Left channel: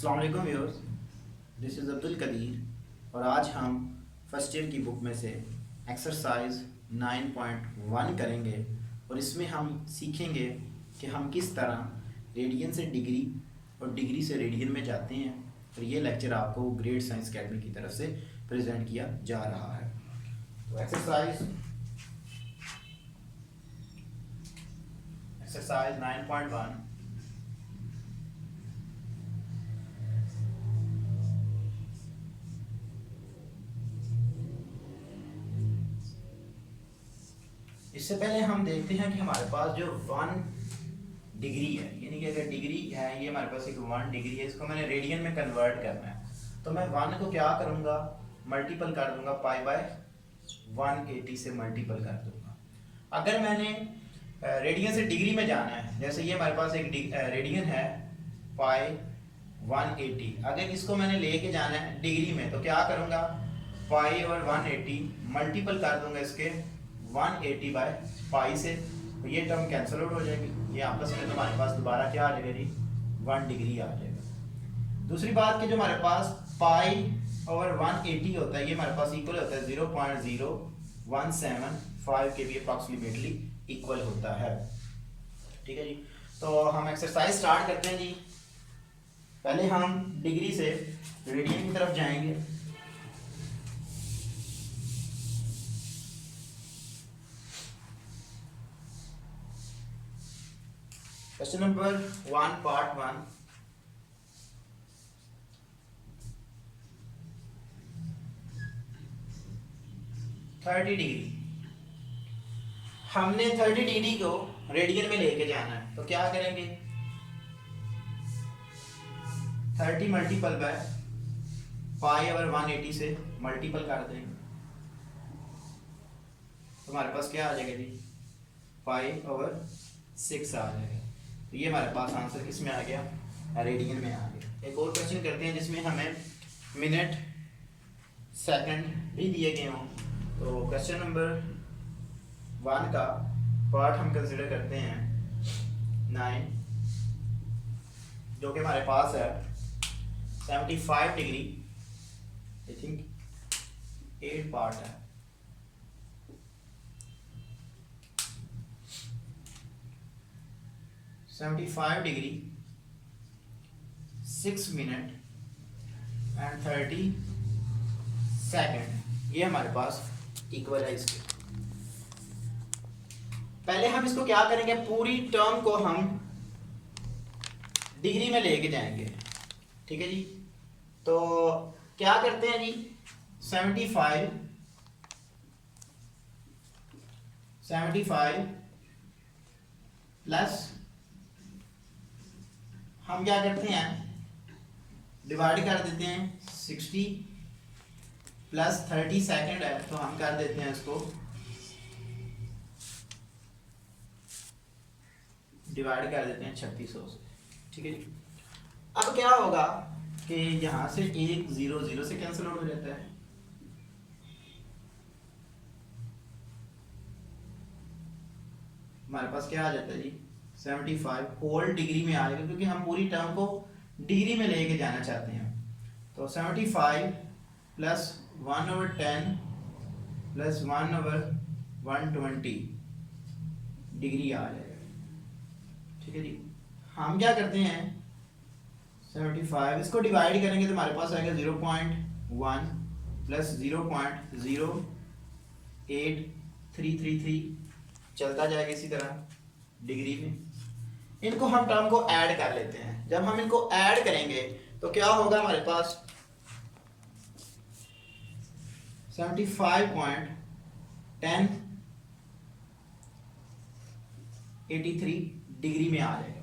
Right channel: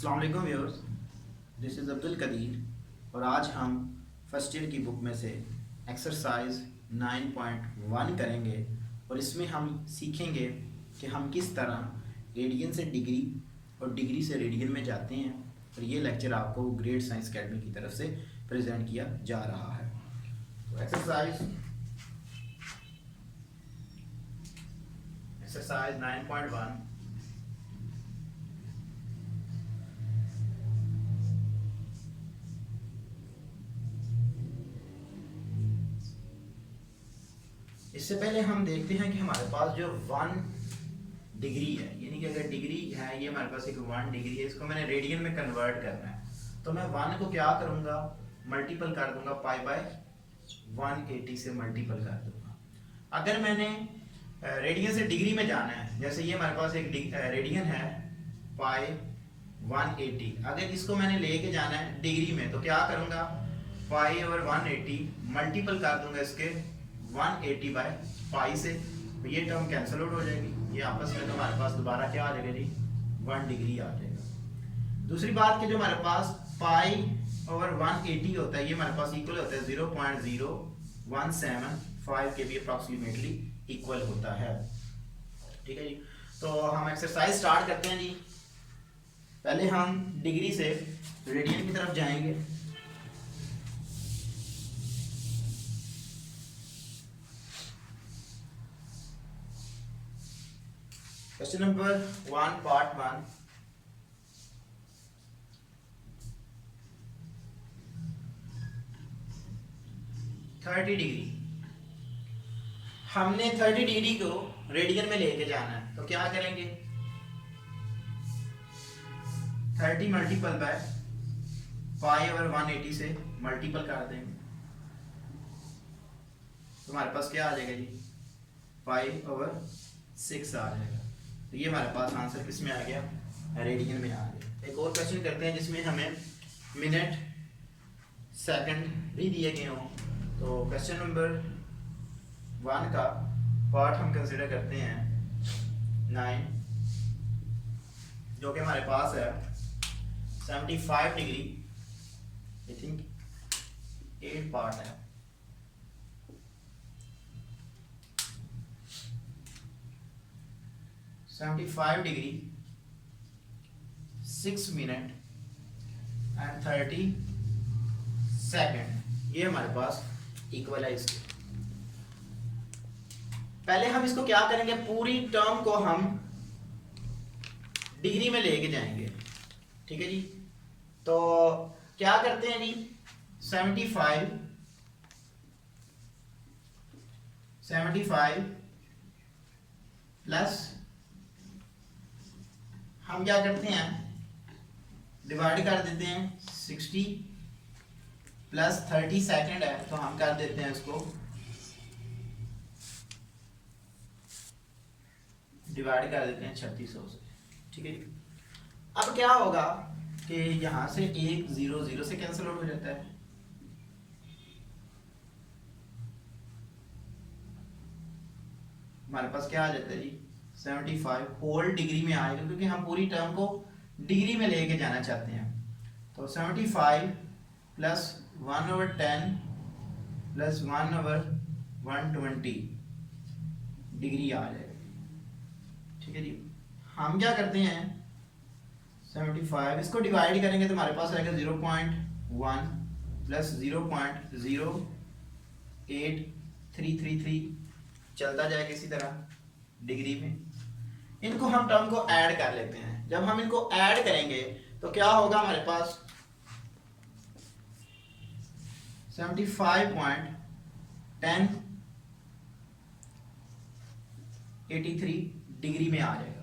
अस्सलाम वालेकुम viewers, this is Abdul Qadir और आज हम फर्स्ट ईयर की बुक में से एक्सरसाइज 9.1 करेंगे और इसमें हम सीखेंगे कि हम किस तरह रेडियन से डिग्री और डिग्री से रेडियन में जाते हैं। और ये लेक्चर आपको ग्रेड साइंस अकेडमी की तरफ से प्रेजेंट किया जा रहा है। तो एक्सरसाइज 9.1 इससे पहले हम देखते हैं कि हमारे पास जो 1 डिग्री है, यानी कि अगर डिग्री है, ये हमारे पास एक 1 डिग्री है, इसको मैंने रेडियन में कन्वर्ट करना है। तो मैं 1 को क्या करूँगा, मल्टीपल कर दूंगा, पाई बाय 180 से मल्टीपल कर दूंगा। अगर मैंने रेडियन से डिग्री में जाना है, जैसे ये हमारे पास एक रेडियन है पाई 180, अगर इसको मैंने लेके जाना है डिग्री में तो क्या करूँगा, पाई और 180 मल्टीपल कर दूंगा इसके 180 बाय पाई से, तो ये टर्म कैंसिल आउट हो जाएगी। ये आपस में हमारे पास दोबारा क्या आ जाएगा जी, 1 डिग्री आ जाएगा। दूसरी बात कि जो हमारे पास पाई और 180 होता है, ये हमारे पास इक्वल होता है 0.0175 के भी अप्रॉक्सीमेटली इक्वल होता है। ठीक है जी, तो हम एक्सरसाइज स्टार्ट करते हैं जी। पहले हम डिग्री से रेडियन की तरफ जाएंगे। Question number 1 part 1, degree. हमने 30 डिग्री को रेडियन में लेके जाना है, तो क्या करेंगे, 30 मल्टीपल बाय पाई और 180 से मल्टीपल कर देंगे, तो हमारे पास क्या आ जाएगा जी, पाई ओवर 6 आ जाएगा। तो ये हमारे पास आंसर किस में आ गया, रेडियन में आ गया। एक और क्वेश्चन करते हैं जिसमें हमें मिनट सेकंड भी दिए गए हों। तो क्वेश्चन नंबर 1 का पार्ट हम कंसिडर करते हैं 9, जो कि हमारे पास है 75 डिग्री, आई थिंक 8 पार्ट है। डिग्री 6 मिनट एंड 30 सेकेंड, ये हमारे पास इक्वल है इसके। पहले हम इसको क्या करेंगे, पूरी टर्म को हम डिग्री में लेके जाएंगे। ठीक है जी, तो क्या करते हैं जी, 75 प्लस हम क्या करते हैं, डिवाइड कर देते हैं 60 प्लस 30 सेकेंड है, तो हम कर देते हैं इसको डिवाइड कर देते हैं 3600 से। ठीक है जी, अब क्या होगा कि यहां से 1 0 0 से कैंसिल आउट हो जाता है। हमारे पास क्या आ जाता है जी, 75 होल डिग्री में आ जाएगा, क्योंकि हम पूरी टर्म को डिग्री में लेके जाना चाहते हैं। तो 75 प्लस 1/10 प्लस 1/120 डिग्री आ जाएगा। ठीक है जी, हम क्या करते हैं, 75 इसको डिवाइड करेंगे तो हमारे पास आएगा 0.1 प्लस 0.08333 चलता जाएगा इसी तरह डिग्री में। इनको हम टर्म को ऐड कर लेते हैं। जब हम इनको ऐड करेंगे तो क्या होगा, हमारे पास 75.1083 डिग्री में आ जाएगा।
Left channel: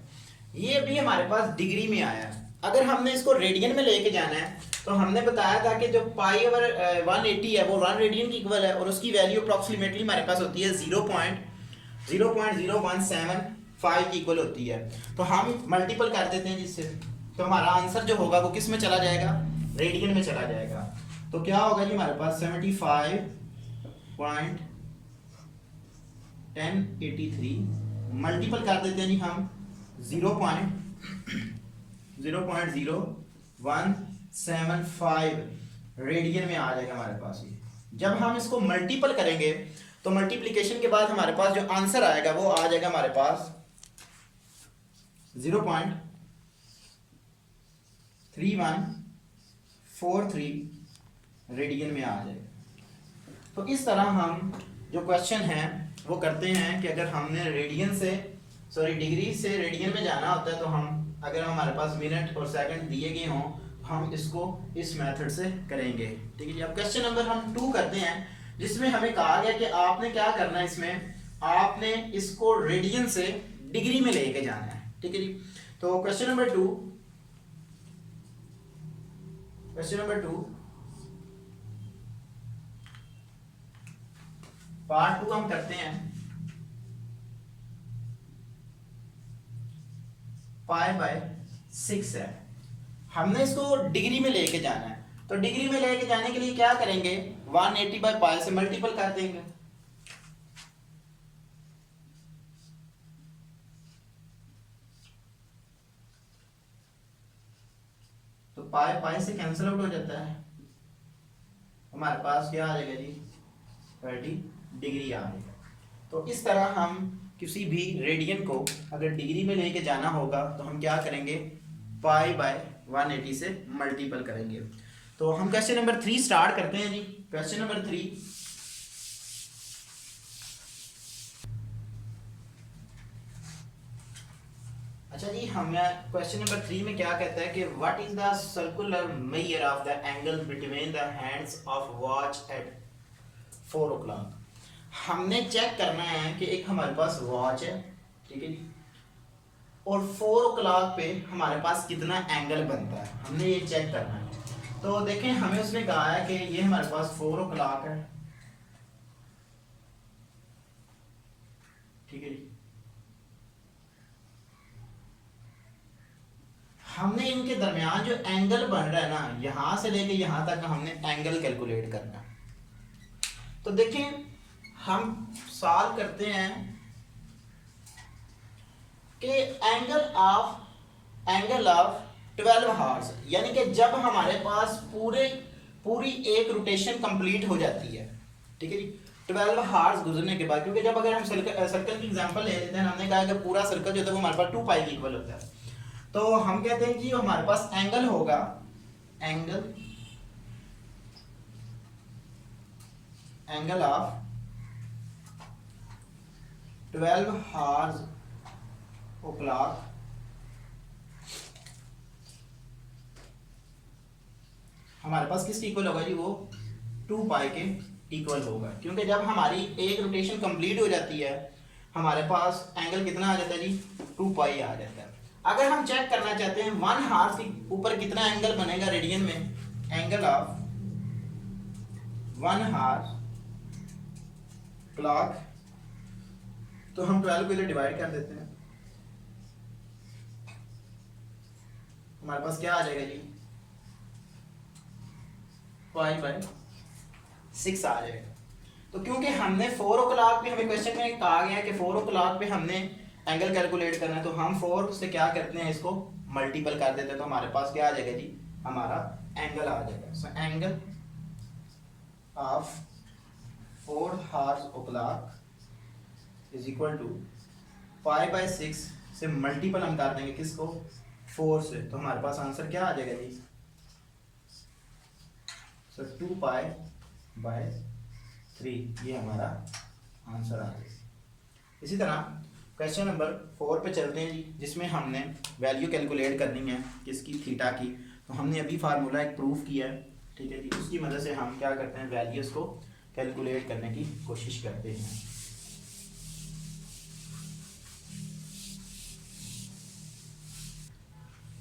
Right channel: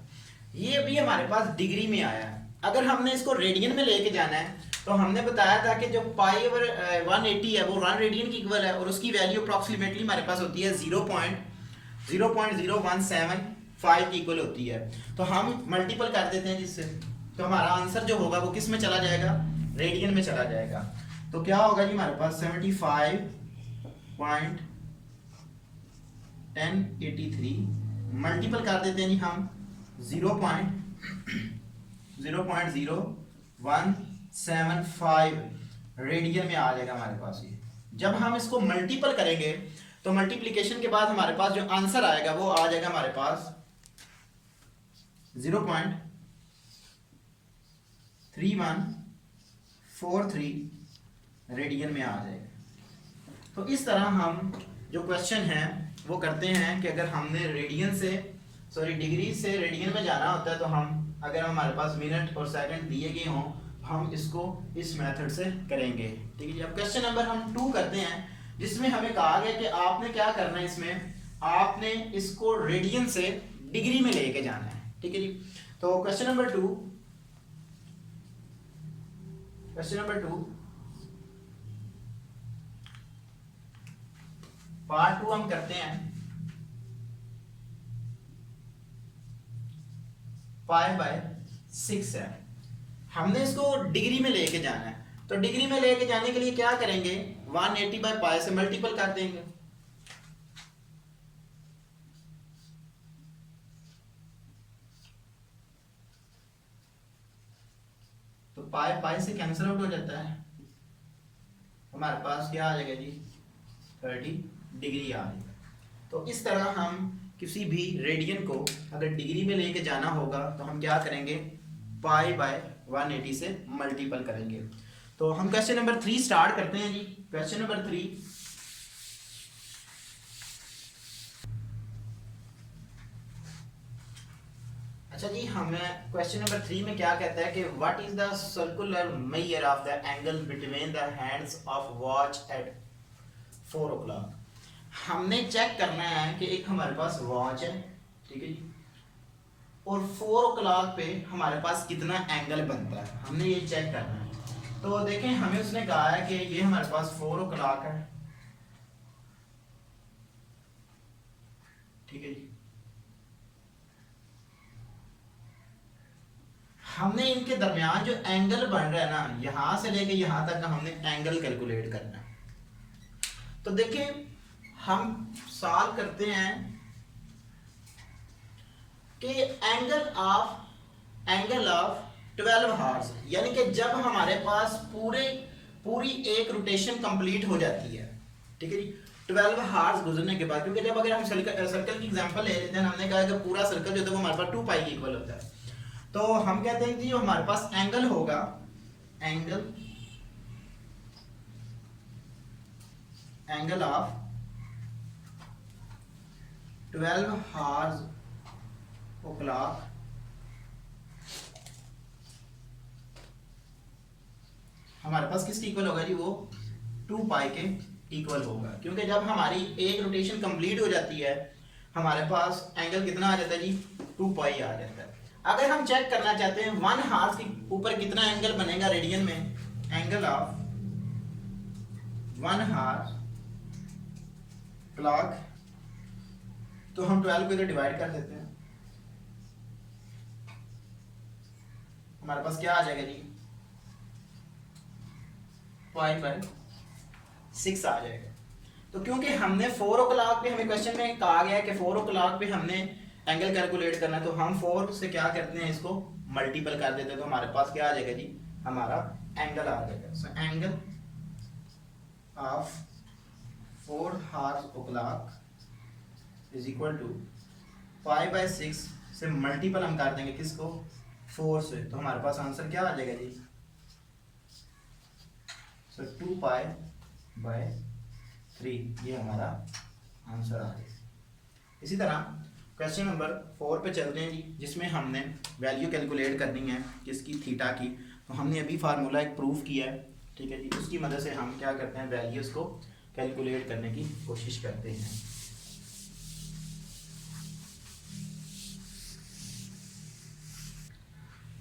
ये भी हमारे पास डिग्री में आया है। अगर हमने इसको रेडियन में लेके जाना है तो हमने बताया था कि जो पाई ओवर 180 है वो 1 रेडियन की इक्वल है, और उसकी वैल्यू अप्रॉक्सीमेटली हमारे पास होती है 0.0175 की इक्वल होती है। तो हम मल्टीपल कर देते हैं जिससे, तो हमारा आंसर जो होगा वो किस में चला जाएगा, रेडियन में चला जाएगा। तो क्या होगा जी, हमारे पास 75.1083 मल्टीपल कर देते हैं जी हम 0.00333 175 रेडियन में आ जाएगा हमारे पास ये। जब हम इसको मल्टीपल करेंगे तो मल्टीप्लिकेशन के बाद हमारे पास जो आंसर आएगा वो आ जाएगा हमारे पास 0.3143 रेडियन में आ जाएगा। तो इस तरह हम जो क्वेश्चन है वो करते हैं कि अगर हमने डिग्री से रेडियन में जाना होता है तो हम अगर हमारे पास मिनट और सेकंड दिए गए हों हम इसको इस मेथड से करेंगे। ठीक है जी। अब क्वेश्चन नंबर हम 2 करते हैं जिसमें हमें कहा गया कि आपने क्या करना है, इसमें आपने इसको रेडियन से डिग्री में लेके जाना है। ठीक है जी। तो क्वेश्चन नंबर 2 पार्ट 2 हम करते हैं। π/6 है, हमने इसको डिग्री में लेके जाना है। तो डिग्री में लेके जाने के लिए क्या करेंगे, 180/π से मल्टीपल कर देंगे। तो π से कैंसिल आउट हो जाता है, हमारे पास क्या आ जाएगा जी, 30 डिग्री आ जाएगा। तो इस तरह हम किसी भी रेडियन को अगर डिग्री में लेके जाना होगा तो हम क्या करेंगे, π/180 से मल्टीपल करेंगे। तो हम क्वेश्चन नंबर 3 स्टार्ट करते हैं जी। क्वेश्चन नंबर 3, अच्छा जी, हमें क्वेश्चन नंबर 3 में क्या कहता है कि what is the circular measure of the angle between the hands of watch at 4 o'clock। हमने चेक करना है कि एक हमारे पास वॉच है, ठीक है जी, और 4 o'clock पे हमारे पास कितना एंगल बनता है, हमने ये चेक करना है। तो देखें, हमें उसने कहा है कि ये हमारे पास 4 o'clock है, ठीक है जी। हमने इनके दरमियान जो एंगल बन रहा है ना, यहां से लेके यहां तक हमने एंगल कैलकुलेट करना है। तो देखें, हम सॉल्व करते हैं कि एंगल ऑफ 12 हार्स, यानी कि जब हमारे पास पूरी एक रोटेशन कंप्लीट हो जाती है, ठीक है जी, 12 हार्स गुजरने के बाद, क्योंकि जब अगर हम सर्कल की एग्जांपल ले लेते हैं, हमने कहा कि पूरा सर्कल जो होता है वो हमारे पास 2π के इक्वल होता है। तो हम कहते हैं कि हमारे पास एंगल होगा, एंगल ऑफ 12 हार्स o'clock हमारे पास किसके इक्वल होगा जी, वो 2π के इक्वल होगा। क्योंकि जब हमारी एक रोटेशन कंप्लीट हो जाती है हमारे पास एंगल कितना आ जाता है जी, 2π आ जाता है। अगर हम चेक करना चाहते हैं 1 हार्स के ऊपर कितना एंगल बनेगा रेडियन में, एंगल ऑफ 1 हार्स क्लॉक, तो हम 12 को इधर डिवाइड कर देते हैं, हमारे पास क्या आ जाएगा जी, π/6 आ जाएगा। तो क्योंकि हमने 4 o'clock पे, हमें क्वेश्चन में कहा गया है कि 4 o'clock पे हमने एंगल कैलकुलेट करना है, तो हम 4 से क्या करते हैं, इसको मल्टीपल कर देते हैं। तो हमारे पास क्या आ जाएगा जी, हमारा एंगल आ जाएगा। So angle of 4 hours o'clock is equal to π/6 से मल्टीपल हम कर देंगे किसको, 4 से। तो हमारे पास आंसर क्या आ जाएगा जी, सो 2π/3, ये हमारा आंसर आ जाएगा। इसी तरह क्वेश्चन नंबर 4 पे चलते हैं जी, जिसमें हमने वैल्यू कैलकुलेट करनी है किसकी, थीटा की। तो हमने अभी फार्मूला एक प्रूफ किया है, ठीक है जी, उसकी मदद से हम क्या करते हैं, वैल्यूज़ को कैलकुलेट करने की कोशिश करते हैं।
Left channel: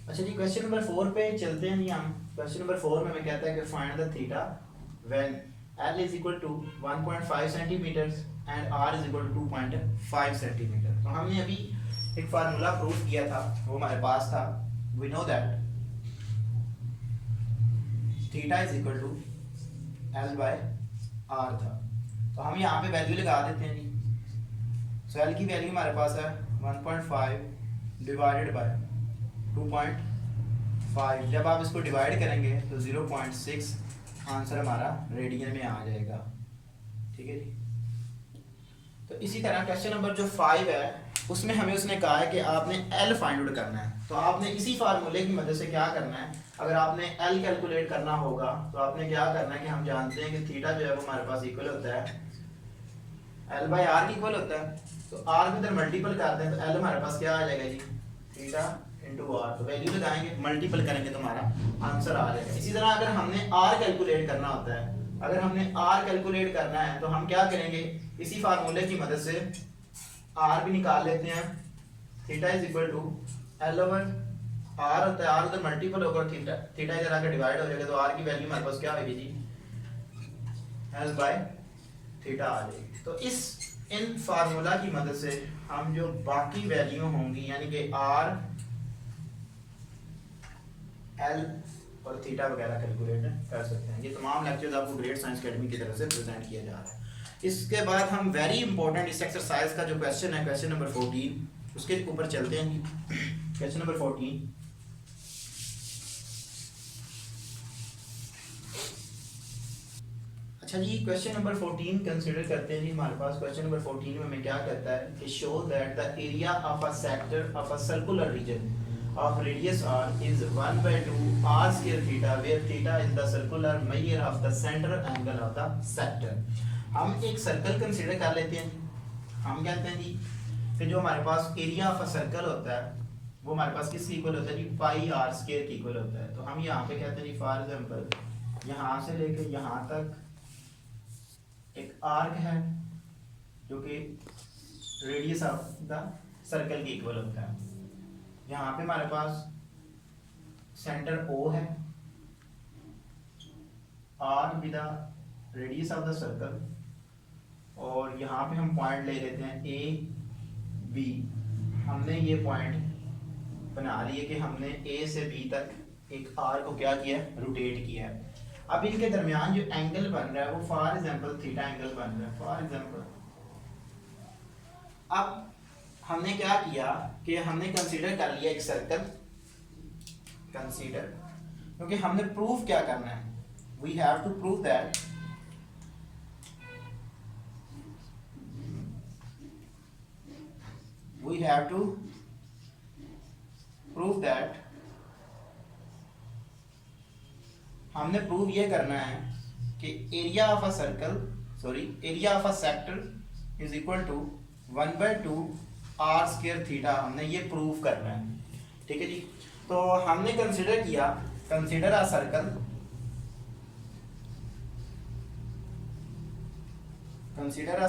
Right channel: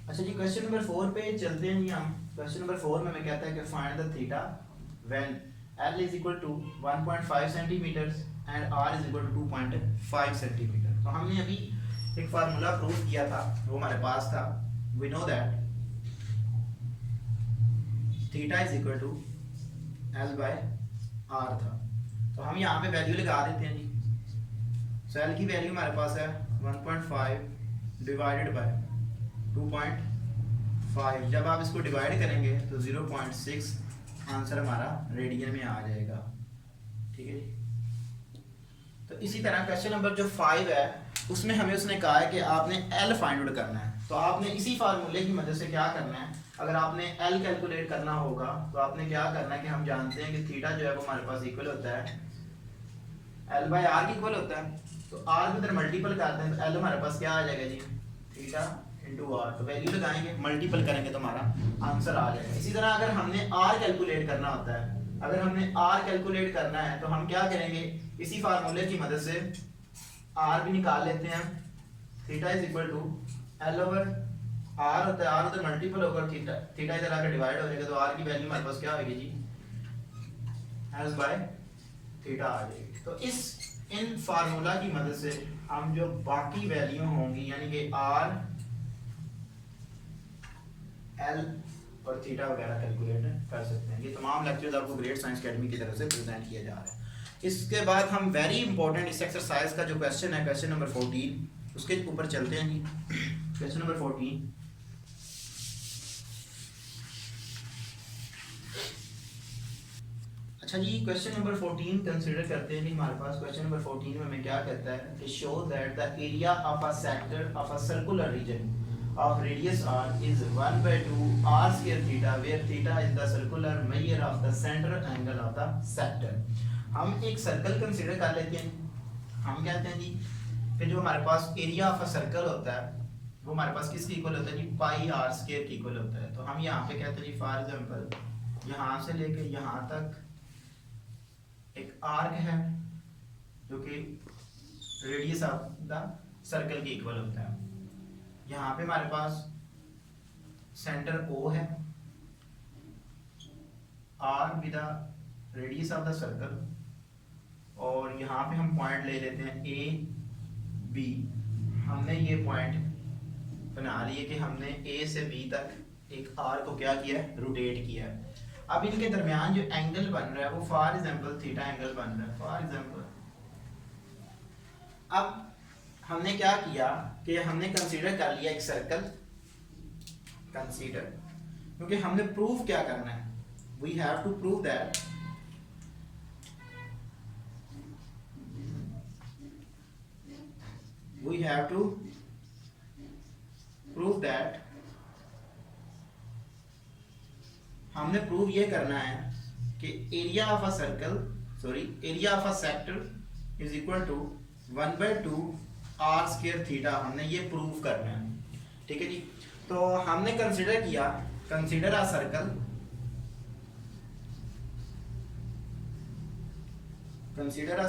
अच्छा जी, क्वेश्चन नंबर 4 पे चलते हैं जी हम। क्वेश्चन नंबर 4 में हमें कहता है कि find the theta when L is equal to 1.5 centimetres and R is equal to 2.5 centimetre. तो हमने अभी एक फार्मूला प्रूफ किया था, वो हमारे पास था, we know that theta is equal to L/R था। तो हम यहाँ पे वैल्यू लगा देते हैं जी। सो L की वैल्यू हमारे पास है 1.5 डिवाइडेड बाय 2.5 5। जब आप इसको डिवाइड करेंगे तो 0.6 आंसर हमारा रेडियन में आ जाएगा। ठीक है जी। तो इसी तरह क्वेश्चन नंबर जो 5 है उसमें हमें उसने कहा है कि आपने एल फाइंड आउट करना है। तो आपने इसी फार्मूले की मदद से क्या करना है, अगर आपने एल कैलकुलेट करना होगा तो आपने क्या करना है कि हम जानते हैं कि थीटा जो है वो हमारे पास इक्वल होता है एल बाई आर की इक्वल होता है। तो आर को इधर मल्टीपल कर दें तो एल हमारे पास क्या आ जाएगा जी, थीटा इंटू आर। तो वैल्यू लगाएंगे, मल्टीपल करेंगे तो हमारा आंसर आ जाएगा। इसी तरह अगर हमने आर कैलकुलेट करना होता है, अगर हमने आर कैलकुलेट करना है तो हम क्या करेंगे, इसी फार्मूले की मदद से आर भी निकाल लेते हैं। Theta is equal to l over r होता है, आर उधर मल्टीपल होगा और थीटा थीटा इधर आकर डिवाइड हो जाएगा। तो आर की वैल्यू हमारे पास क्या होगी जी, एल बाय थीटा आ जाएगी। तो इन फार्मूला की मदद से हम जो बाकी वैल्यू होंगी यानी कि आर एल और थीटा वगैरह कैलकुलेट कर सकते हैं। ये तमाम लेक्चर्स आपको ग्रेट साइंस अकेडमी की तरफ से प्रेजेंट किया जा रहा है। इसके बाद हम वेरी इंपॉर्टेंट इस एक्सरसाइज का जो क्वेश्चन है, क्वेश्चन नंबर 14, उसके ऊपर चलते हैं जी। क्वेश्चन नंबर 14, अच्छा जी, क्वेश्चन नंबर 14 कंसीडर करते हैं जी। हमारे पास क्वेश्चन नंबर 14 में हमें क्या कहता है कि show that the area of a sector of a circular region of radius r is 1/2 r square theta where theta is the circular measure of the center angle of the sector। हम एक circle consider कर लेते हैं। हम कहते हैं जी कि जो हमारे पास एरिया ऑफ अ सर्कल होता है वो हमारे पास किसकी इक्वल होता है जी, पाई आर स्क्वायर की इक्वल होता है। तो हम यहाँ पे कहते हैं जी फॉर एग्जांपल यहाँ से लेके यहाँ तक एक आर्क है जो कि रेडियस ऑफ द सर्कल की इक्वल होता है। यहाँ पे हमारे पास सेंटर O है, R with the radius of the circle, और यहाँ पे हम पॉइंट ले लेते हैं A B। हमने ये पॉइंट बना लिए कि हमने A से B तक एक R को क्या किया है, रोटेट किया है। अब इनके दरमियान जो एंगल बन रहा है वो फॉर एग्जांपल थीटा एंगल बन रहा है फॉर एग्जांपल। अब हमने क्या किया कि हमने कंसीडर कर लिया एक सर्कल, कंसीडर, क्योंकि हमने प्रूव क्या करना है, we have to prove that हमने प्रूव ये करना है कि area of a sector is equal to 1/2 r square theta. हमने ये प्रूव करना है। ठीक है जी। तो हमने कंसीडर किया, consider a circle, consider a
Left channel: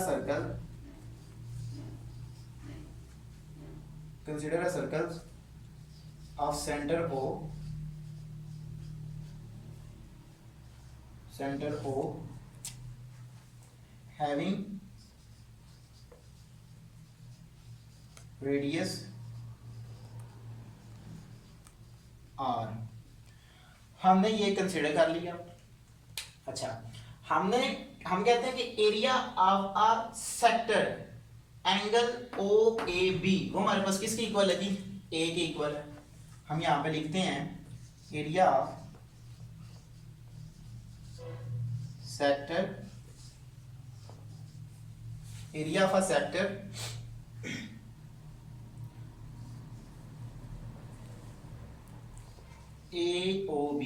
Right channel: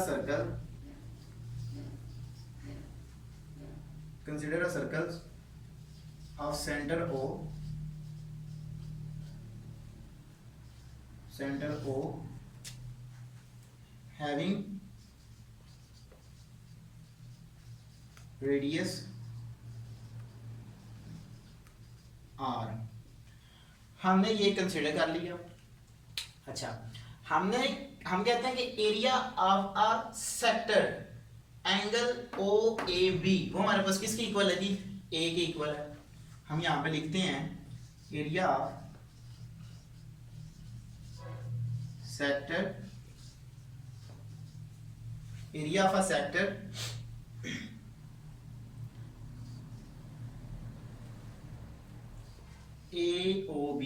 circle of centre O having radius r। हमने ये कंसीडर कर लिया। अच्छा, हम कहते हैं कि area of a sector angle OAB वो हमारे पास किसकी इक्वल है जी, A के इक्वल है। हम यहाँ पे लिखते हैं area of a sector AOB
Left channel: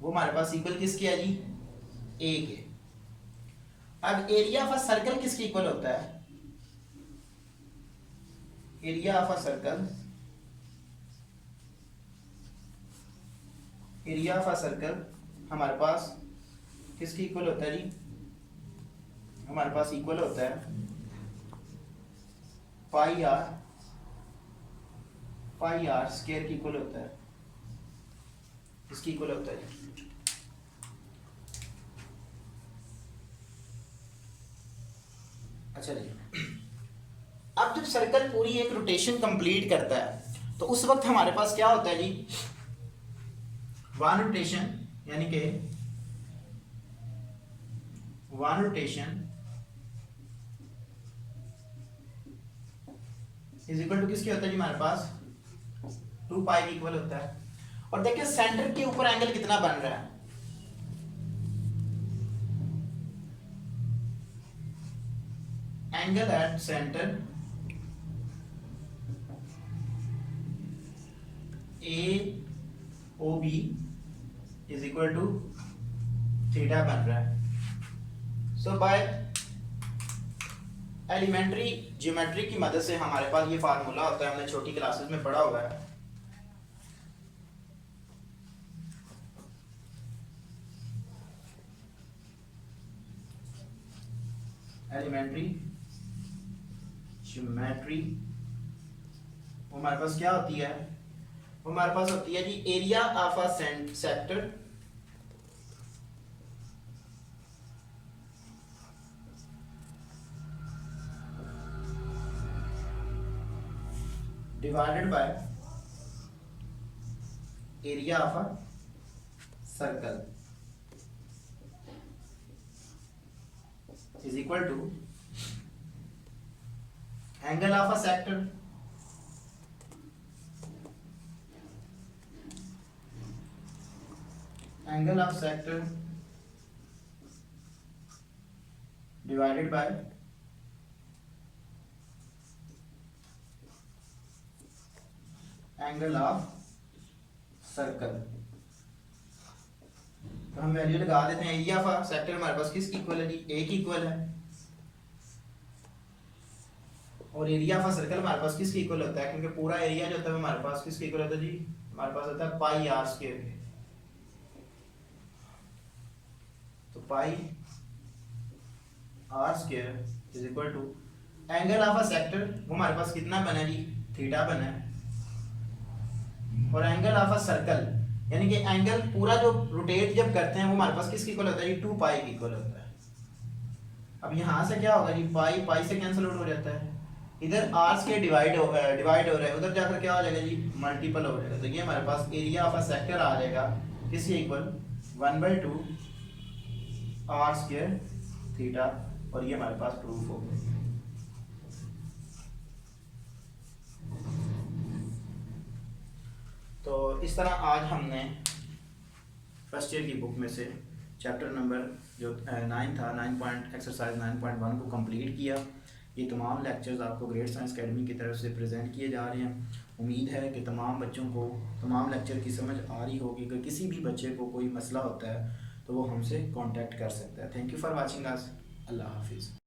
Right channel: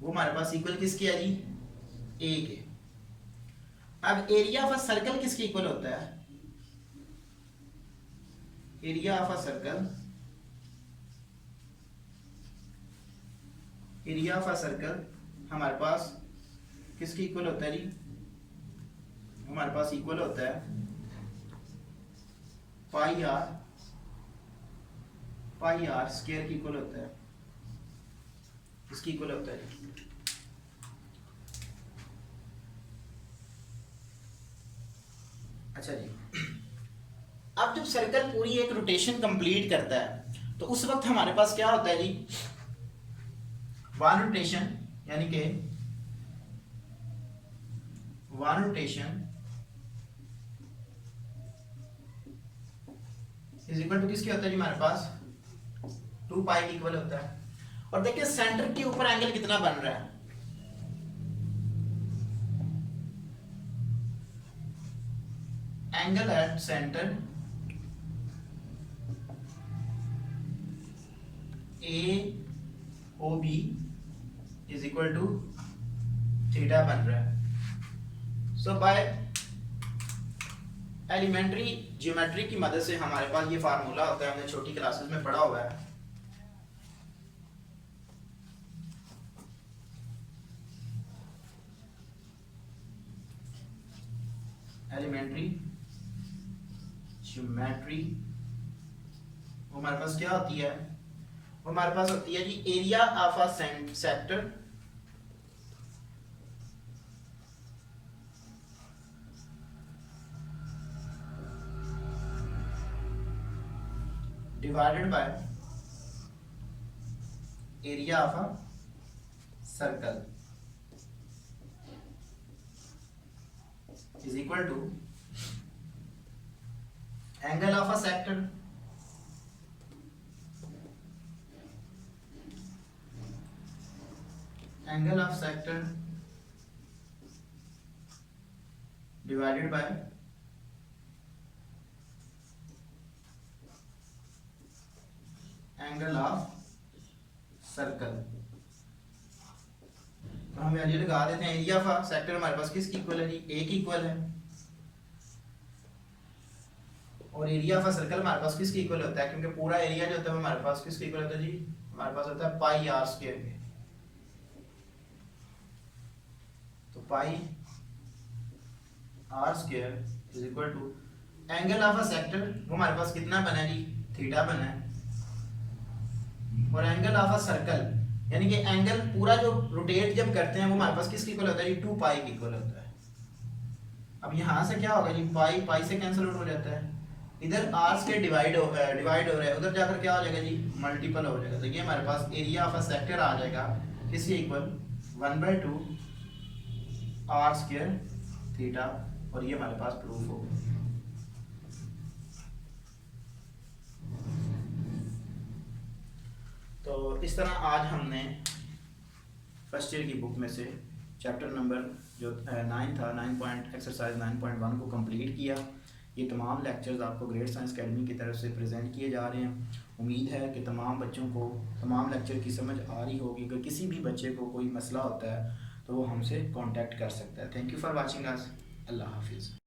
वो हमारे पास इक्वल किसकी है जी, A के। अब एरिया ऑफ अ सर्कल किसकी इक्वल होता है, एरिया ऑफ अ सर्कल हमारे पास किसकी इक्वल होता है जी, हमारे पास इक्वल होता है पाई आर स्क्वायर की इक्वल होता है, इसकी इक्वल होता है। अच्छा जी, अब जब सर्कल पूरी एक रोटेशन कंप्लीट करता है तो उस वक्त हमारे पास क्या होता है जी, वन रोटेशन यानी कि one rotation is equal to किसके होता है जी, हमारे पास 2 पाई के इक्वल होता है। और देखिए सेंटर के ऊपर एंगल कितना बन रहा है, angle at centre AOB is equal to theta बन रहा है। सो बाय एलिमेंट्री ज्योमेट्री की मदद से हमारे पास ये फार्मूला होता है, हमने छोटी क्लासेस में पढ़ा हुआ है। एलिमेंट्री ज्योमेट्री वो हमारे पास क्या होती है, वो हमारे पास होती है जी area of a sector divided by area of a circle is equal to angle of a sector divided by angle of circle। तो हम वैल्यू लगा देते हैं, एरिया ऑफ सेक्टर हमारे पास किसकी इक्वल है जी, ए की इक्वल है, और एरिया ऑफ सर्कल हमारे पास किसकी इक्वल होता है, क्योंकि पूरा एरिया जो होता है हमारे पास किसकी इक्वल होता है जी, हमारे पास होता है पाई आर स्क्वायर के। तो pi r square is equal to angle of a sector वो हमारे पास कितना बना है जी, थीटा बना है, और एंगल ऑफ अ सर्कल यानी कि एंगल पूरा जो रोटेट जब करते हैं वो हमारे पास किसकी इक्वल होता है जी, 2 पाई की इक्वल होता है। अब यहाँ से क्या होगा जी, पाई पाई से कैंसिल आउट हो जाता है, इधर आर स्क्वायर डिवाइड हो रहा है, उधर जाकर क्या हो जाएगा जी, मल्टीपल हो जाएगा। तो ये हमारे पास एरिया ऑफ अ सेक्टर आ जाएगा किसके इक्वल, 1/2 आर स्क्वायर थीटा, और ये हमारे पास प्रूफ हो गया। तो इस तरह आज हमने फर्स्ट ईयर की बुक में से चैप्टर नंबर जो 9 था, 9 एक्सरसाइज 9.1 को कंप्लीट किया। ये तमाम लेक्चर्स आपको ग्रेट साइंस एकेडमी की तरफ से प्रेजेंट किए जा रहे हैं। उम्मीद है कि तमाम बच्चों को तमाम लेक्चर की समझ आ रही होगी। अगर किसी भी बच्चे को कोई मसला होता है तो वो हमसे कांटेक्ट कर सकता है। Thank you for watching us. अल्लाह हाफिज़।